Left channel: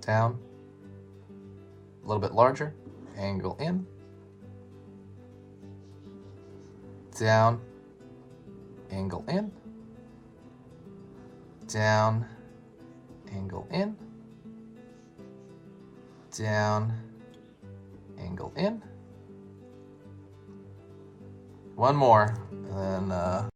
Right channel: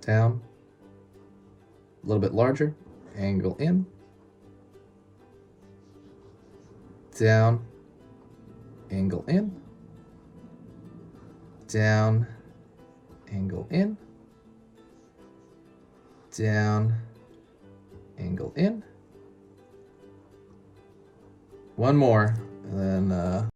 down, a little bit larger, angle in, down, angle in, down, angle in, down, angle in. One more, and then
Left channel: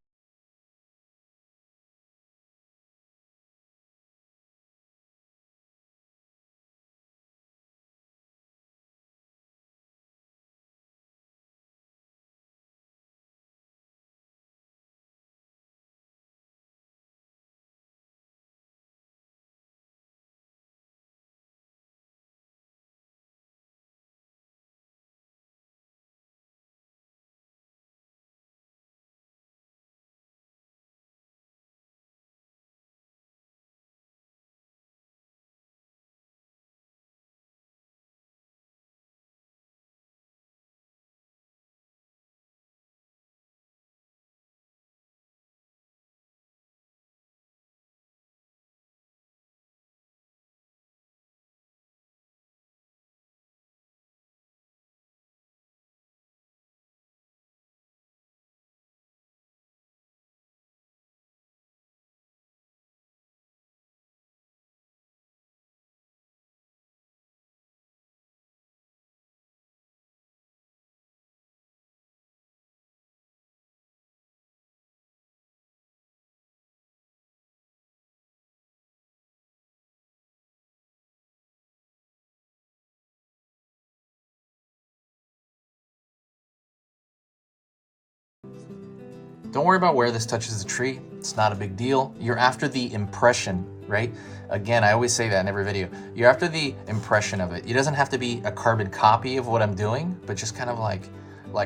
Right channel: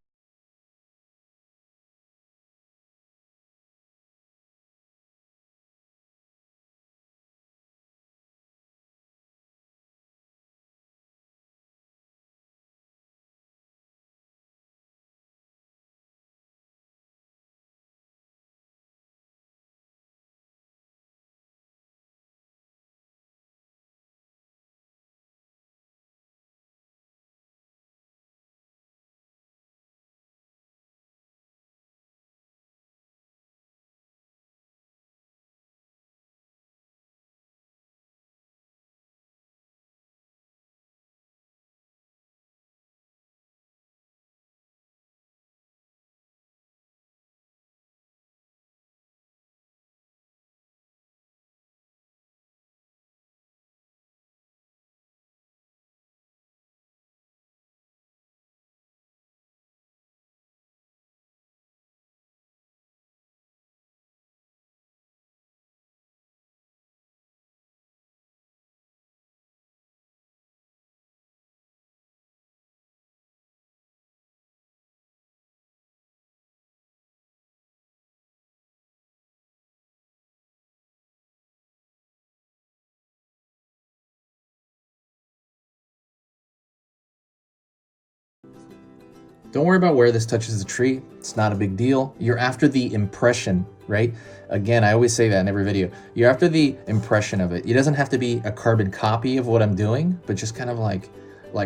don't worry about where this touches the tree. It's not a big deal. You're after the impression, right? Again, I always say that in every video. You're after the impression of it. It doesn't have to be a carbon copy of what I'm doing, but just kind of like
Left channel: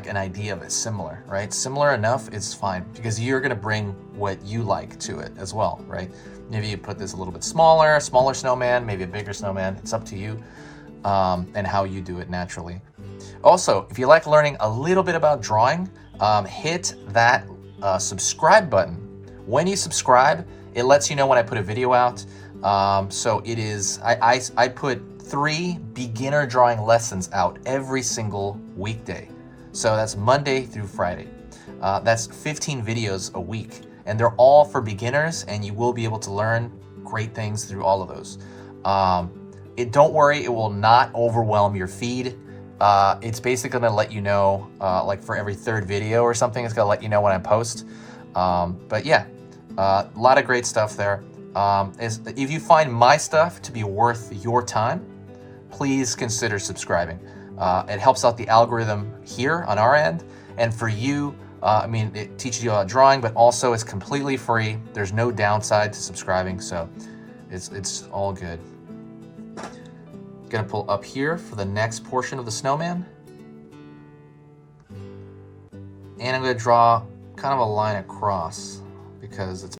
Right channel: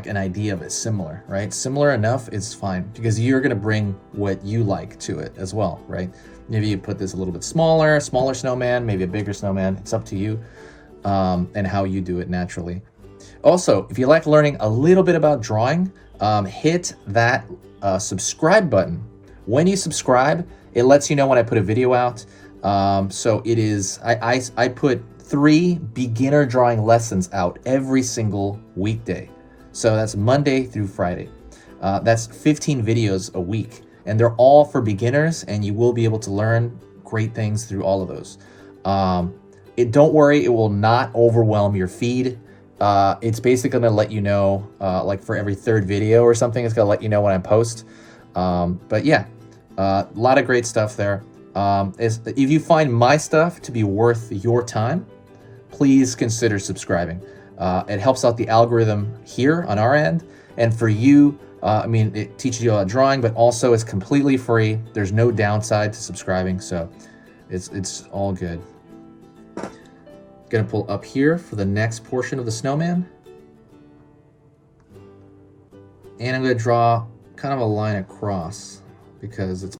an idea of it, similar, right? Similar enough, it's fine, because you're gonna bring what you like to it as well, right? Maybe you put this a little bit smaller snowman, maybe a bigger snowman. It's up to you, and how you do it naturally. Also, if you like learning a little bit about drawing, hit that subscribe button. When you subscribe, it lets you know when I put a video out. So it is, I put 3 beginner drawing lessons out every single weekday. So that's Monday through Friday. That's 15 videos a week, and they're all for beginners, and you will be able to learn great things through all of those. Don't worry, it will not overwhelm your feed. It's basically gonna let you know, like for every 3rd video or something, it's gonna let you know when I post. But yeah, a lot of great stuff there. If you find my stuff to be worth your time, please consider subscribing. It helps out the algorithm here on our end, and for you, I mean, it teaches you about drawing, but also it's completely free. There's no downside to subscribing, so it's all good. Gonna pull up here for the next portion of the snowman. And I'm gonna draw kind of a line across because it's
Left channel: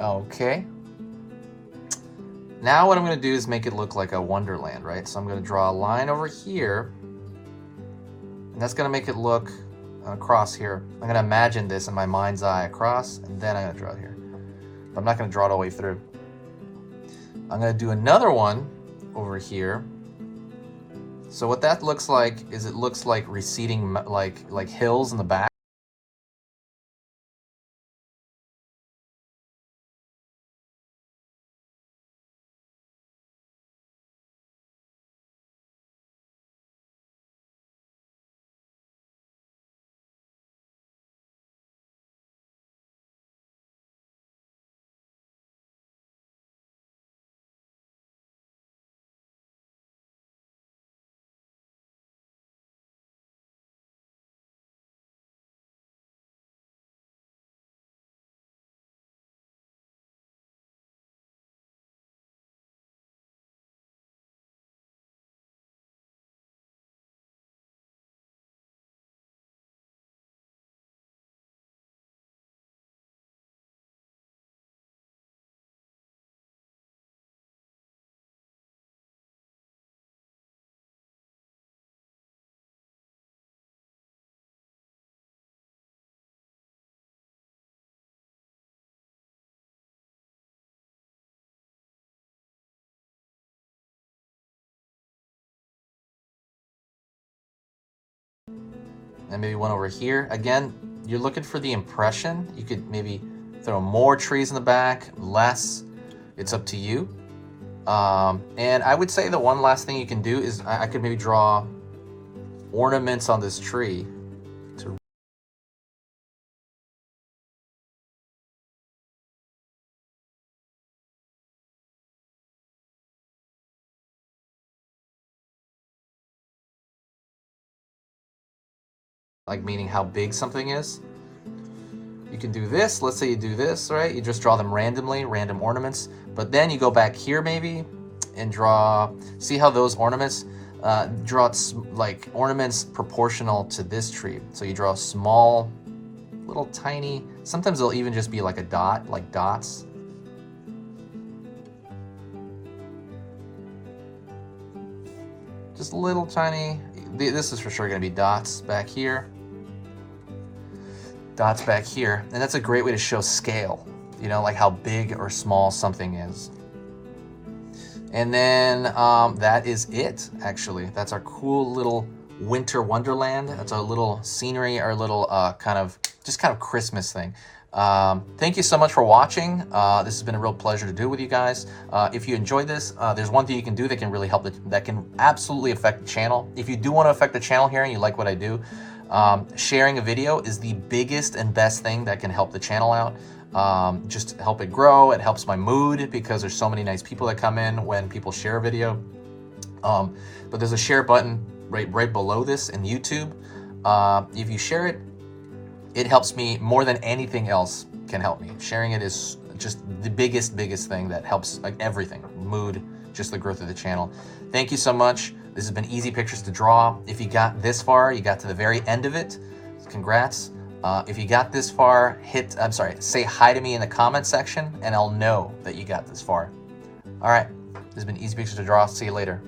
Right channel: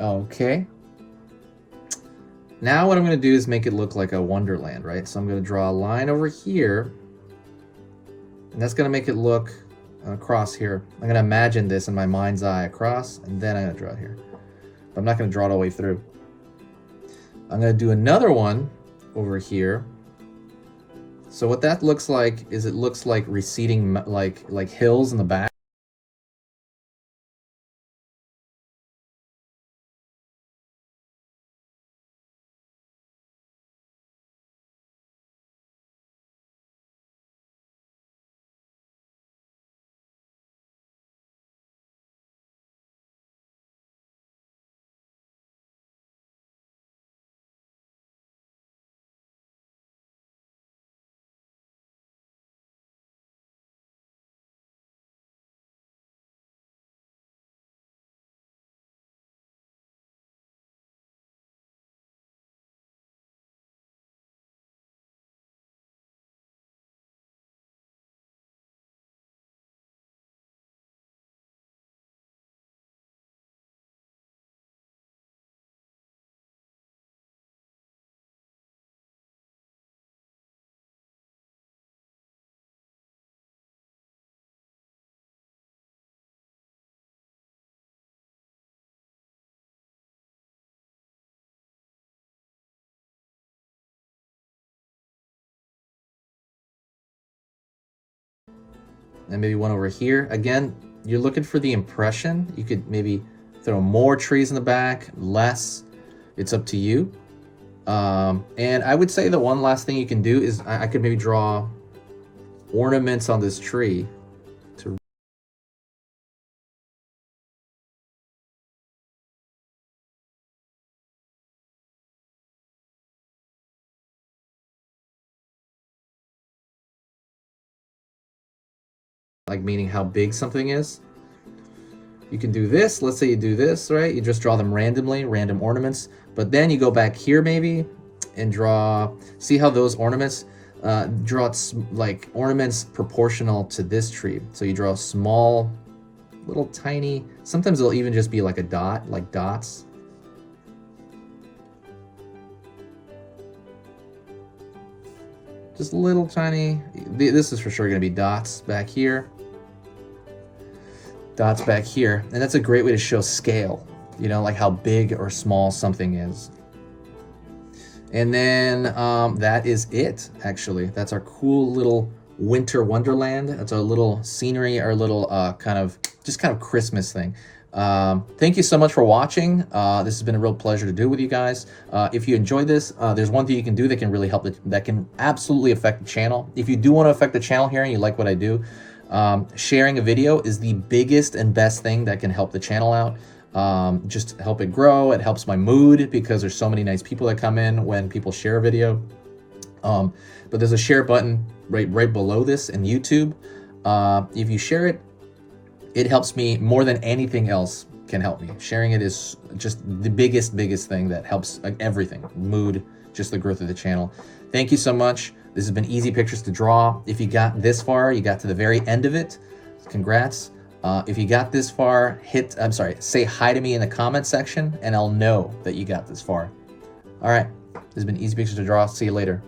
Okay. Now what I'm going to do is make it look like a Wonderland, right? So I'm going to draw a line over here, and that's going to make it look across here. I'm going to imagine this in my mind's eye across, and then I'm going to draw it here. But I'm not going to draw it all the way through. I'm going to do another one over here. So what that looks like is it looks like receding, like hills in the back. And maybe one over here. Again, you're looking for the impression. You could maybe throw more trees in the back, less. It's up to you. And I would say the one last thing you can do is I could maybe draw ornaments on this tree to like meaning how big something is. You can do this. Let's say you do this, right? You just draw them randomly, random ornaments. But then you go back here maybe and draw, see how those ornaments, draw like ornaments proportional to this tree. So you draw a small, little tiny, sometimes it'll even just be like a dot, like dots. Just little tiny, this is for sure gonna be dots back here. Dots back here, and that's a great way to show scale, you know, like how big or small something is. And then that is it, actually. That's our cool little winter wonderland. That's our little scenery, our little kind of Christmas thing. Thank you so much for watching. This has been a real pleasure to do with you guys. If you enjoyed this, there's one thing you can do that can really help, that can absolutely affect the channel. If you do want to affect the channel here and you like what I do, sharing a video is the biggest and best thing that can help the channel out. Just help it grow. It helps my mood because there's so many nice people that come in when people share a video. But there's a share button right below this in YouTube. If you share it, it helps me more than anything else can help me. Sharing it is just the biggest thing that helps, like, everything, mood, just the growth of the channel. Thank you so much. This has been easy pictures to draw. If you got this far, you got to the very end of it, congrats. If you got this far, say hi to me in the comment section and I'll know that you got this far. All right, this has been easy pictures to draw. See you later.